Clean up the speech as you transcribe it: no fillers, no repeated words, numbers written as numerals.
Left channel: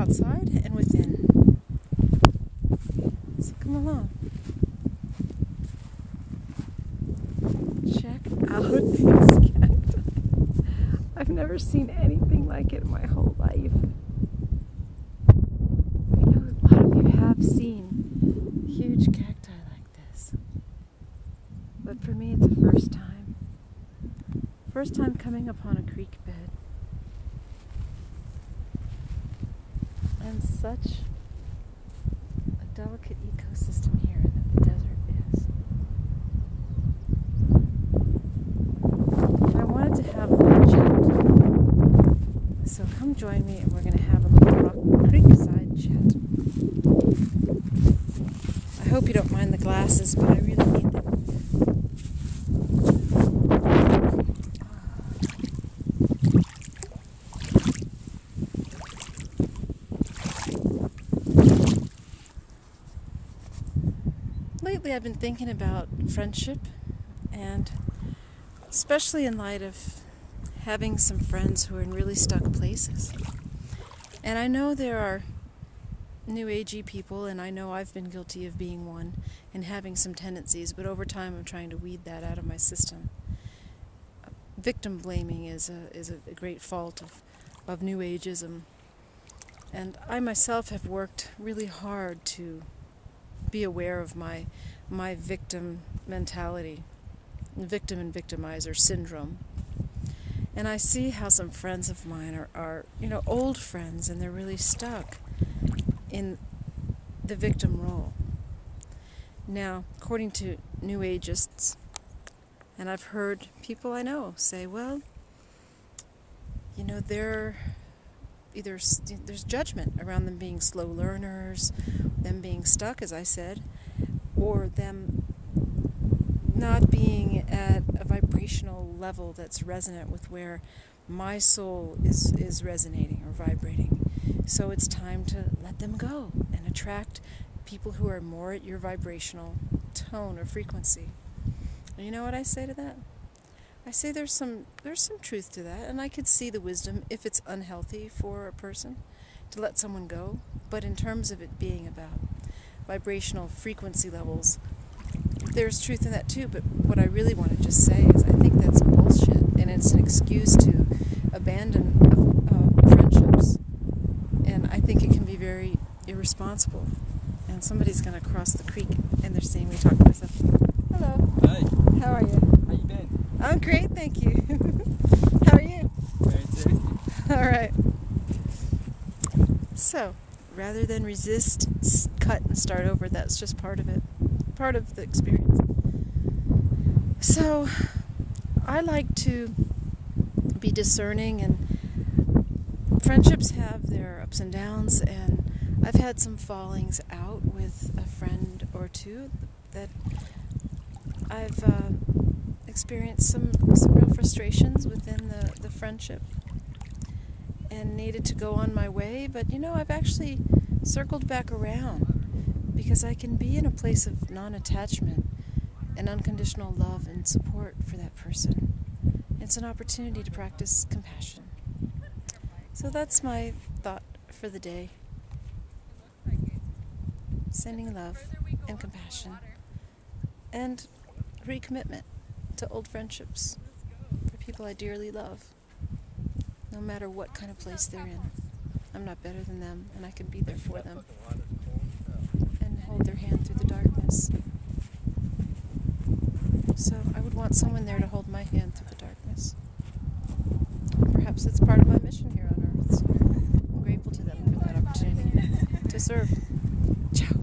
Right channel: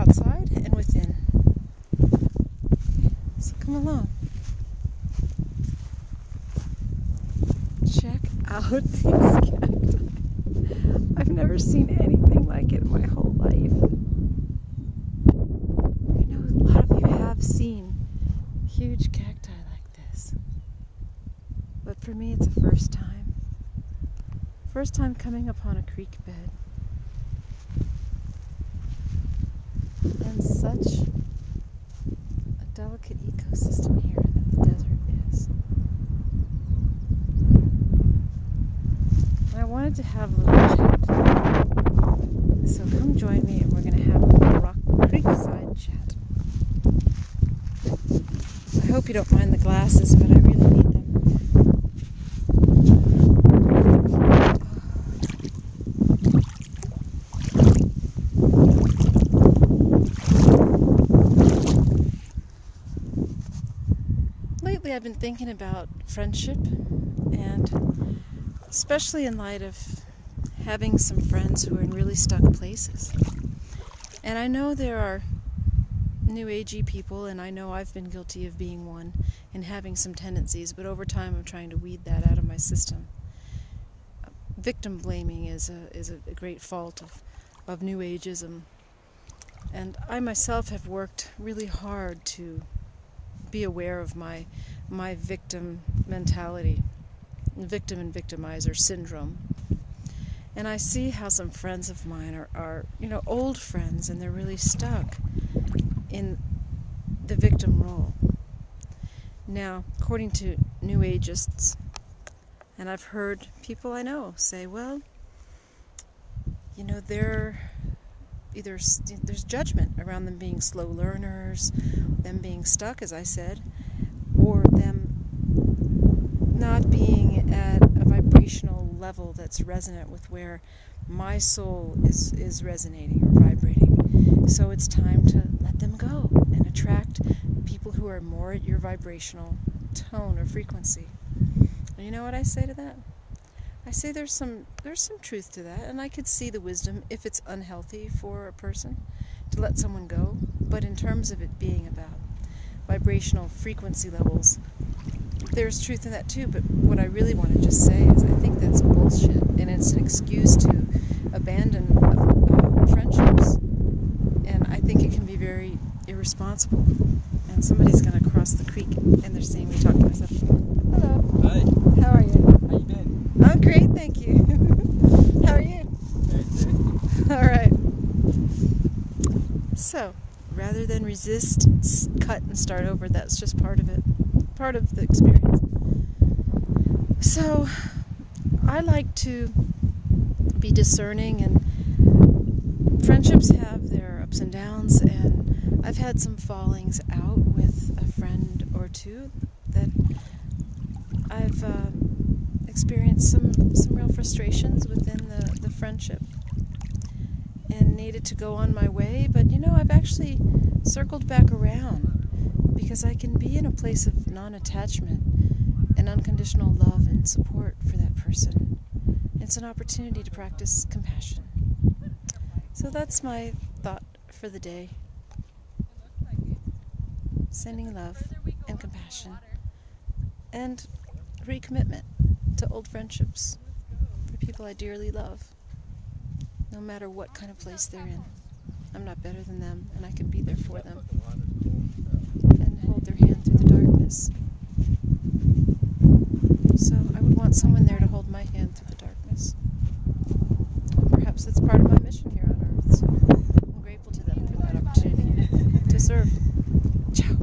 outside and within. So come along. Check out these cacti. I've never seen anything like it in my whole life. I know a lot of you have seen huge cacti like this, but for me it's a first time. First time coming upon a creek bed. And such a delicate ecosystem here that the desert is. And I wanted to have a little chat. So come join me and we're going to have a little creekside chat. I hope you don't mind the glasses, but I really need them. Lately I've been thinking about friendship, and especially in light of having some friends who are in really stuck places. And I know there are new agey people, and I know I've been guilty of being one and having some tendencies, but over time I'm trying to weed that out of my system. Victim blaming is a great fault of new ageism, and I myself have worked really hard to be aware of my victim mentality, victim and victimizer syndrome. And I see how some friends of mine are old friends, and they're really stuck in the victim role. Now, according to new ageists, and I've heard people I know say, well, there's judgment around them being slow learners, them being stuck, as I said, or them not being at a vibrational level that's resonant with where my soul is resonating or vibrating. So it's time to let them go and attract people who are more at your vibrational tone or frequency. And you know what I say to that? I say there's some truth to that, and I could see the wisdom if it's unhealthy for a person to let someone go. But in terms of it being about vibrational frequency levels, there's truth in that too. But what I really want to just say is I think that's bullshit, and it's an excuse to abandon friendships. And I think it can be very irresponsible. And somebody's going to cross the creek, and they're seeing me talk to myself. Hello. Hi. How are you? How you been? I'm great, thank you. How are you? Good. All right. So, rather than resist, cut, and start over, that's just part of it. Part of the experience. So, I like to be discerning, and friendships have their ups and downs, and I've had some fallings out with a friend or two that I've experienced some real frustrations within the friendship and needed to go on my way. But I've actually circled back around because I can be in a place of non-attachment and unconditional love and support for that person. It's an opportunity to practice compassion. So that's my thought for the day. Sending love and compassion and recommitment to old friendships for people I dearly love, no matter what kind of place they're in. I'm not better than them, and I can be there for them and hold their hand through the darkness. So I would want someone there to hold my hand through the darkness. Perhaps it's part of my mission here on Earth, so I'm grateful to them for that opportunity to serve. Ciao.